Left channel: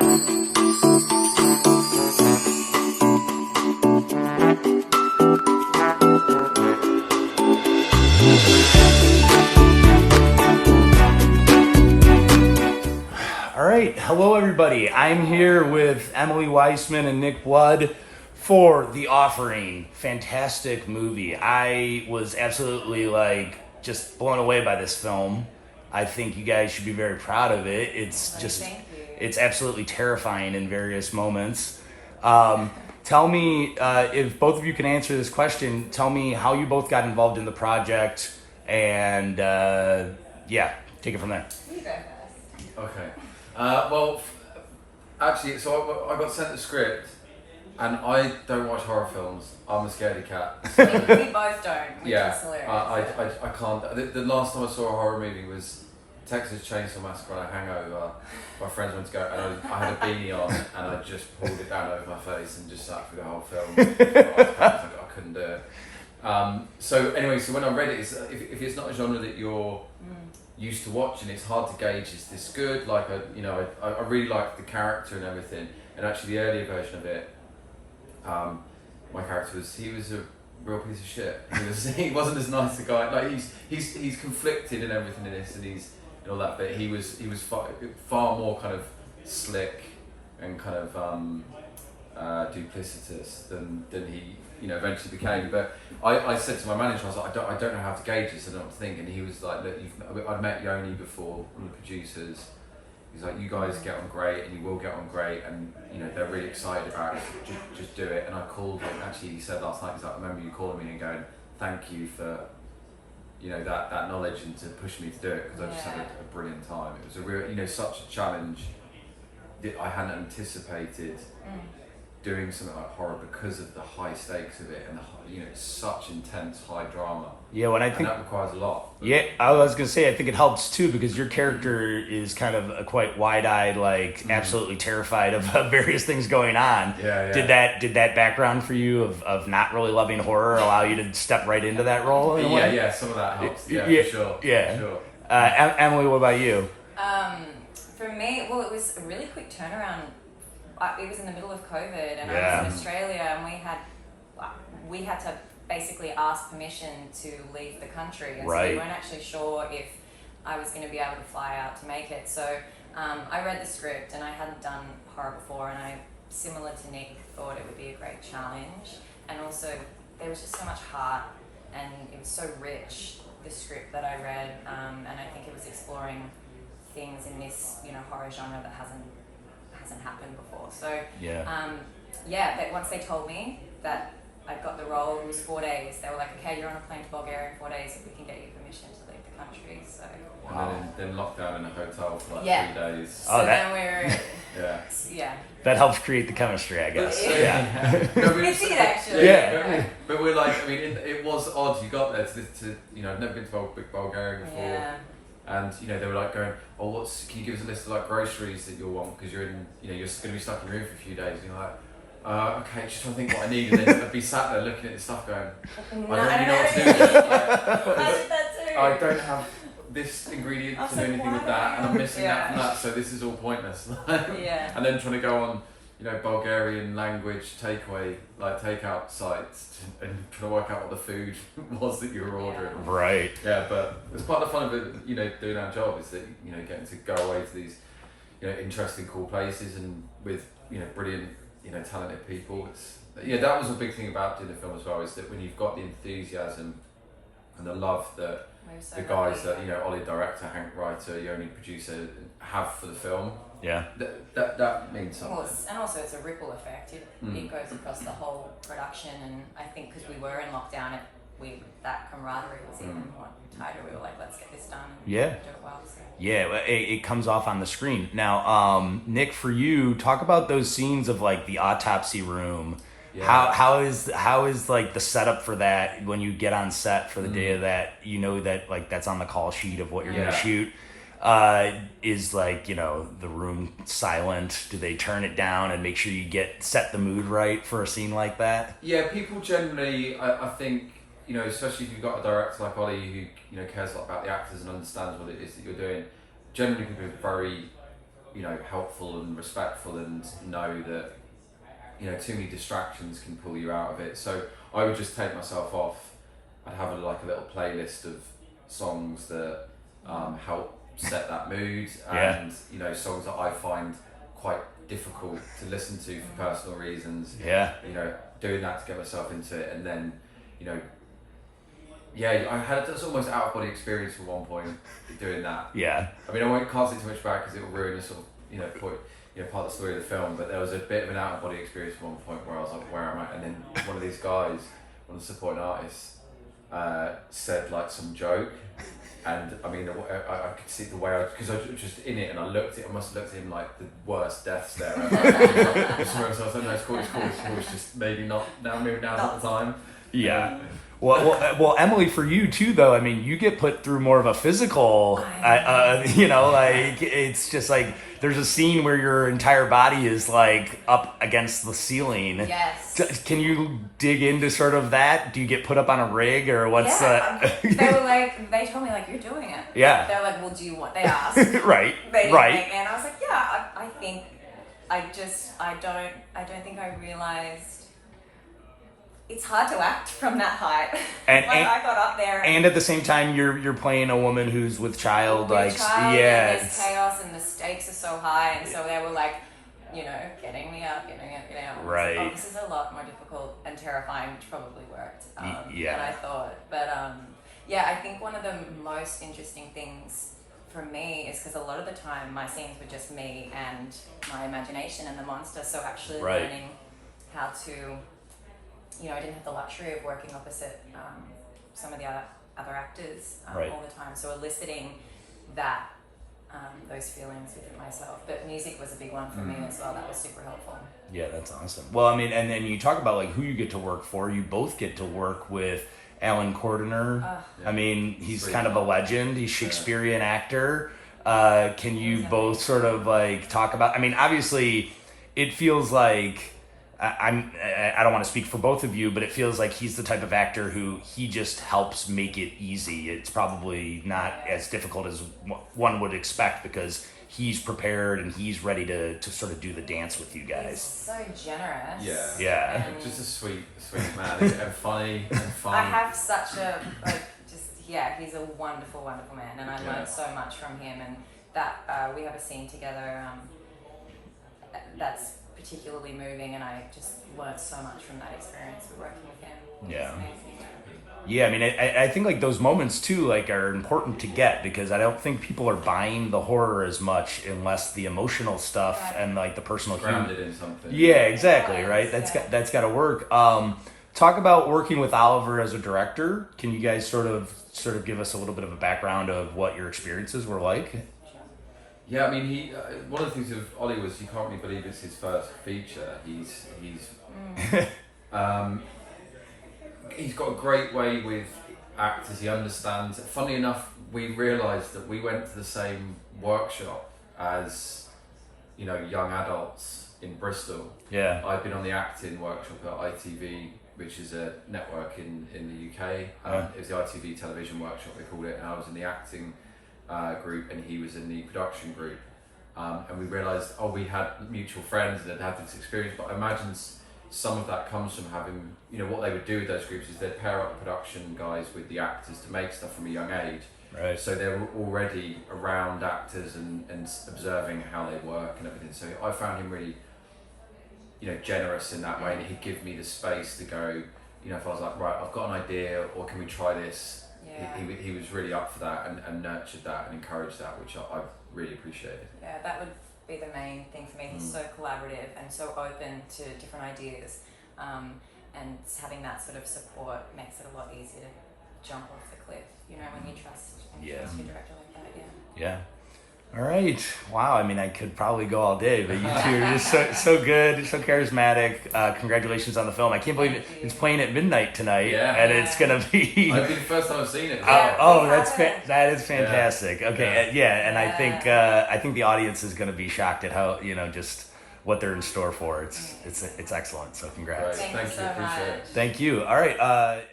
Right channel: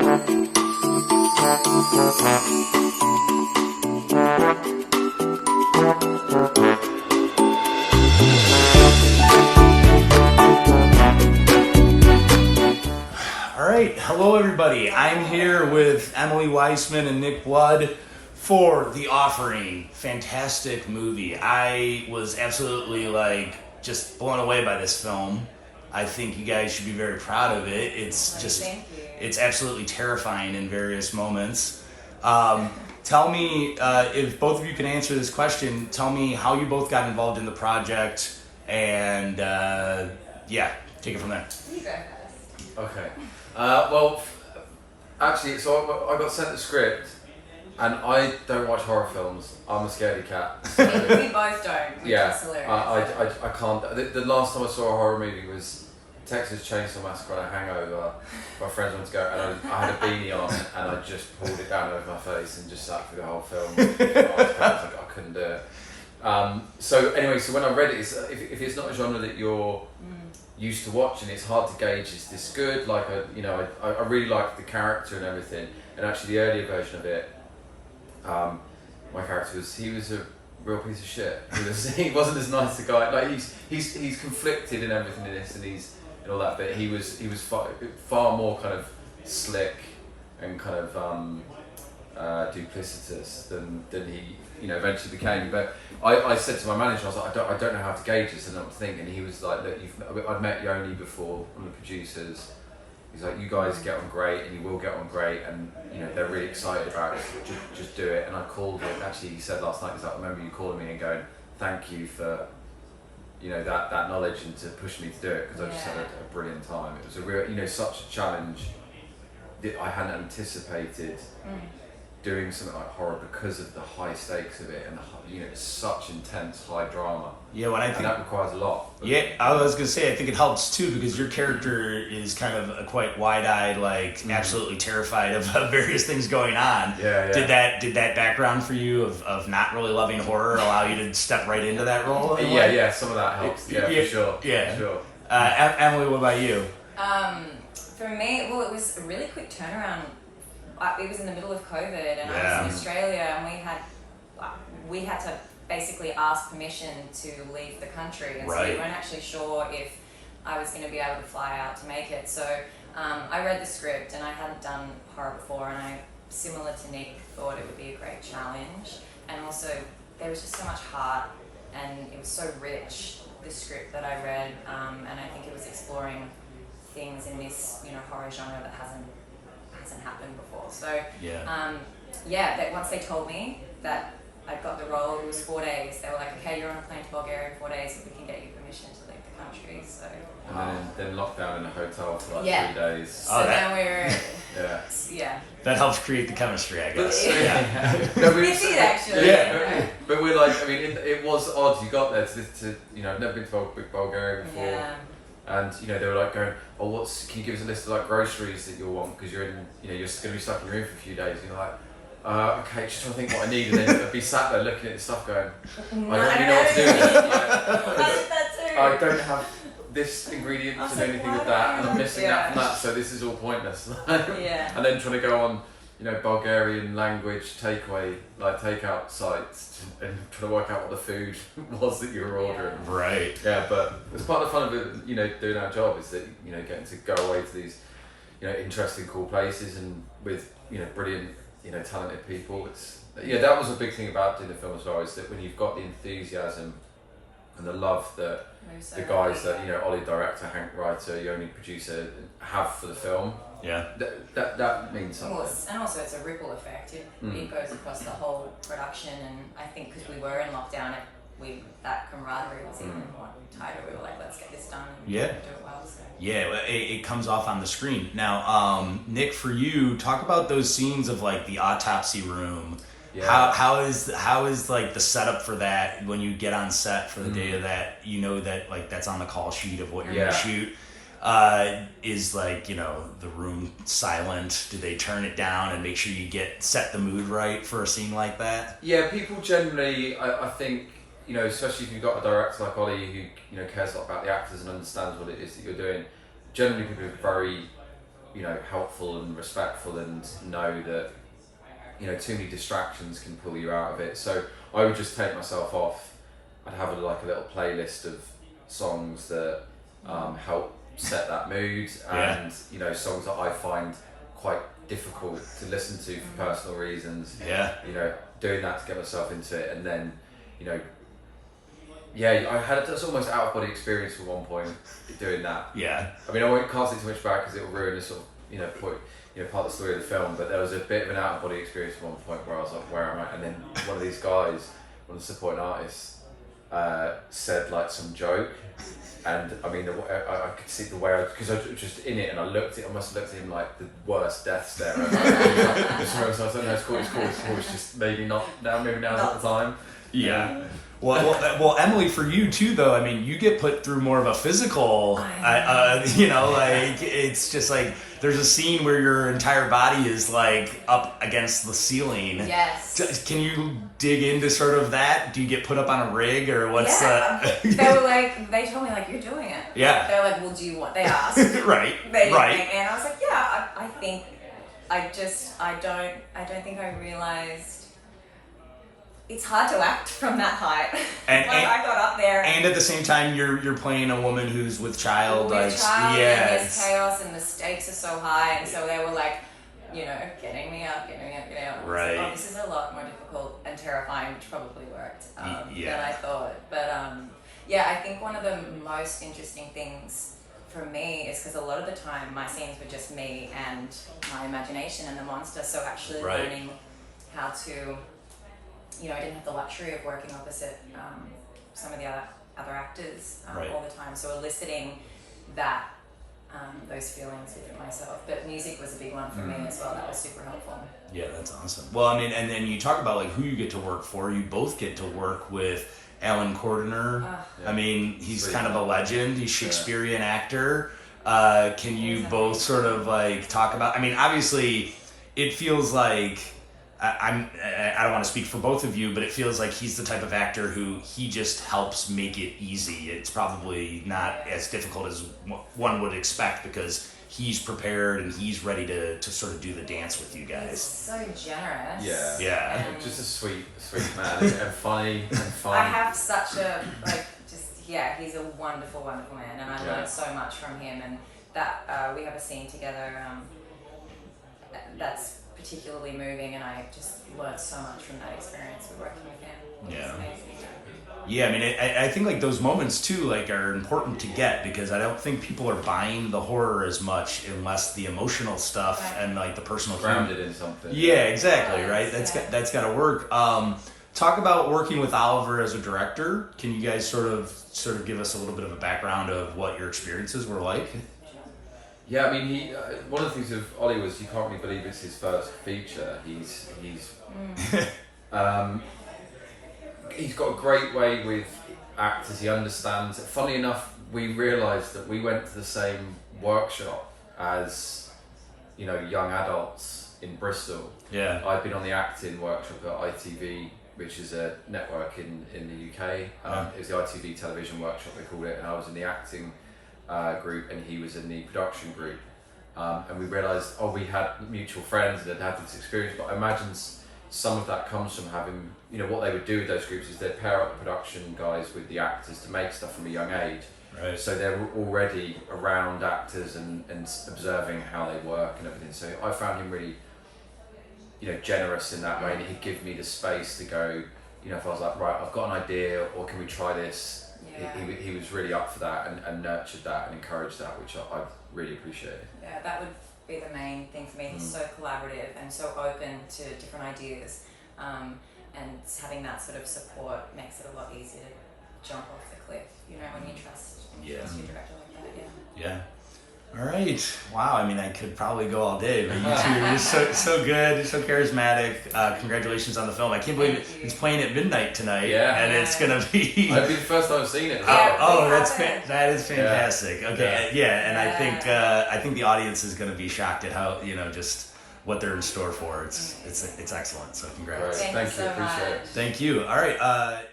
I'm here with Emily Wiseman and Nick Blood for The Offering. Fantastic movie. I was absolutely just blown away by this film. I think you guys should be very proud of it. It's absolutely terrifying in various moments. Tell me, if both of you can answer this question, tell me how you both got involved in the project, and take it from there. You go first. Okay. Actually, so I got sent the script, and I don't watch horror films. I'm a scaredy cat. So we both don't, which is hilarious. I can't. The last time I saw a horror movie was Texas Chainsaw Massacre on a hangover. My friends went to go, and I had a beanie on, and I just pulled it down over my face and just sat through the whole film. I couldn't do it. So when I read it, if it's not a genre that you're used to watching, it's hard to gauge, is this good? I really liked the character and everything, and actually the earlier version of it, my character was a real piece of shit. He wasn't as nice a guy. He's conflicted and everything in this, and he's and all that, but he was far more kind of slick and kind of duplicitous than he eventually became. But I said to my manager, I was like, I don't know how to gauge this, and I'm thinking. He was like, look, I'd met Yoni before, one of the producers. He's like, you guys get on great, and you will get on great, and they're really excited about it. Just do it. And I called him. Actually, he said last night, he's like, I remember you calling me and going, thank you for that knowledge and to push me to do it, because I just had a brilliant time. It was a real, such a challenge that I hadn't anticipated. Doing something like horror because of the high stakes of it and it's such intense high drama. Yeah, and that requires a lot. Yeah, I was gonna say I think it helps too, because your character is kind of a quite wide-eyed, absolutely terrified of various things going on. Yeah. Did that background for you of not really loving horror allow you to step right into that role? Yeah, some of that helps. Yeah, for sure. Yeah, for sure. Emily, what about you? For me, it was a really quick turnaround. It was in the middle of COVID, and I was in Australia, and we had to basically ask permission to leave the country, and so we weren't actually sure if I was going to be able to fly out to make it. So I read the script, and I hadn't done horror before, and I, similar to Nick, thought it would be a great challenge. And also, there was just so much heart, and it was so rich, the script that I read, and I think it was exploring things in this horror genre that hasn't happened before. So but once they told me that I got the role, it was 4 days. They were like, okay, you're on a plane to Bulgaria in 4 days if we can get you permission to leave the country. So and then lockdown in a hotel for 3 days. So then we're that helps create the chemistry, I guess. It did actually. But we're it was odd. You got there to I've never been to Bulgaria before. Yeah. And they were going, oh, can you give us a list of groceries that you'll want, because you're in, you're going to be stuck in your room for a few days. And you're like, okay, just trying to think what I need, and then I'd be sat there looking at this stuff going, I don't really know what to do with it. I did that too. I don't have this ingredient to do anything with that, and I'm missing that from that, so this is all pointless. And then trying to go on Bulgarian language takeout sites and trying to work out what the food was that you were ordering. Right. Yeah, but it's part of the fun of it, doing our job, is that, getting to go away to these, interesting, cool places, and with, brilliant, talented people. That was a big thing about doing the film as well, is that when you've got the enthusiasm and the love that the guys that, Ollie director, Hank writer, Yoni producer have for the film, that means something. And also it's a ripple effect. It goes across the whole production, and I think because we were in lockdown, that camaraderie was even tighter. We were like, let's get this done and do it well. So. Yeah, it comes off on the screen. Now, Nick, for you, talk about those scenes of the autopsy room. Yeah. How is the setup for that when you get on set for the day of that? That that's on the call sheet of what you're going to shoot. Is the room silent? Do they turn it down and make sure you set the mood right for a scene like that? Yeah, people generally, I think, especially if you've got a director like Ollie who cares a lot about the actors and understands what it is that you're doing. Generally, people are very helpful and respectful, and know that too many distractions can pull you out of it. So I would just take myself off. I'd have a little playlist of songs that help set that mood, and songs that I find quite difficult to listen to for personal reasons. Doing that to get myself into it, and then I had this almost out of body experience at one point doing that. I mean, I can't say too much back because it will ruin the sort of point, part of the story of the film. But there was a bit of an out of body experience at one point where I was like, "Where am I?" And then one of these guys, one of the supporting artists, said some joke, and I mean, I could see the way because I was just in it, and I must have looked at him like the worst death stare ever. So I was like, "No, it's cool. It's just maybe not now. Maybe now's not the time." Well, Emily, for you too, though. I mean, you get put through more of a physical. It's just there's a scene where your entire body is up against the ceiling. Yes. Can you dig into sort of that? Do you get put up on a rig, or what's they were they told me you're doing it. Yeah. They're like, well, do you want? They asked. Right. And I was like, yeah. I think I don't think I realized. It's hard to act from that height. And I got up there. And at the same time, you're playing a woman who's with child. And there's chaos, and the stakes are so high, and so they were getting me up. Right. Oh, this is a lot more difficult and terrifying, which probably worked than I thought. But I think one of the most interesting things for me is because a lot of the time my scenes were just me and my imagination and the monster. So actually learning how to. I didn't have the luxury of working opposite some of the other actors all the time. So eliciting that those feelings within myself. But music was a big one for me as well. That was super helpful. Yeah, that's awesome. Well, I mean, and then you talk about who you get to work for. You both get to work with Alan Cordiner. I mean, he's kind of a legend. He's a Shakespearean actor. Can you both sort of talk about? I mean, obviously, it feels like. I don't want to speak for both of you, but it feels like he's the type of actor who he just helps make it easy. It's probably not as difficult as one would expect because he's prepared and he's ready to sort of do the dance with you guys. He's so generous. Yeah. And just a sweet man and funny and fun. I have such a he's a wonderful, wonderful man, and I learned so much from him. And that we have a scene together that's particularly moving, and I just learned so much from that experience with working with him. Yeah, I mean, I think those moments too are important to get because I don't think people are buying the horror as much unless the emotional stuff and the personal grounded in something. Yeah, exactly. Right. That's got to work. Talk about working with Oliver as a director. Can you guys sort of give us a little bit of a background of what your experiences were like? Yeah, I mean, he. One of the things of Ollie was you can't really believe it's his first feature. He's got a great way with actors. He understands. Funnily enough, we realised that we went to the same workshop as, young adults in Bristol. Yeah. I'd been on the acting workshop at ITV, which is a network in the UK. It was the ITV television workshop they called it, and I was in the acting group and he was in the production group, and we realised we had mutual friends that had this experience, but I imagine some of that comes from having what they would do with those groups is they'd pair up the production guys with the actors to make stuff from a young age, so they're already around actors and observing how they work and everything. So I found him really generous in that way, and he'd give me the space to go, if I was like, right, I've got an idea, or can we try this. He was really up for that and nurtured that and encouraged that, which I really appreciated. Yeah, that would be the main thing for me. He's so collaborative and so open to different ideas, and having that sort of support makes it a lot easier to jump off the cliff, when you trust your director like that. Yeah. All right. Wow. I mean, I could probably go all day, but you two are just so good, so charismatic. Congratulations on the film. I can't believe it's playing at midnight tonight, and it's gonna be. I've been the first time I've seen it. That is fantastic. Okay, and I think the audience is gonna be shocked at how just what they're in store for. It's excellent. So congrats. Thank you. So appreciate it. much. Thank you. All right.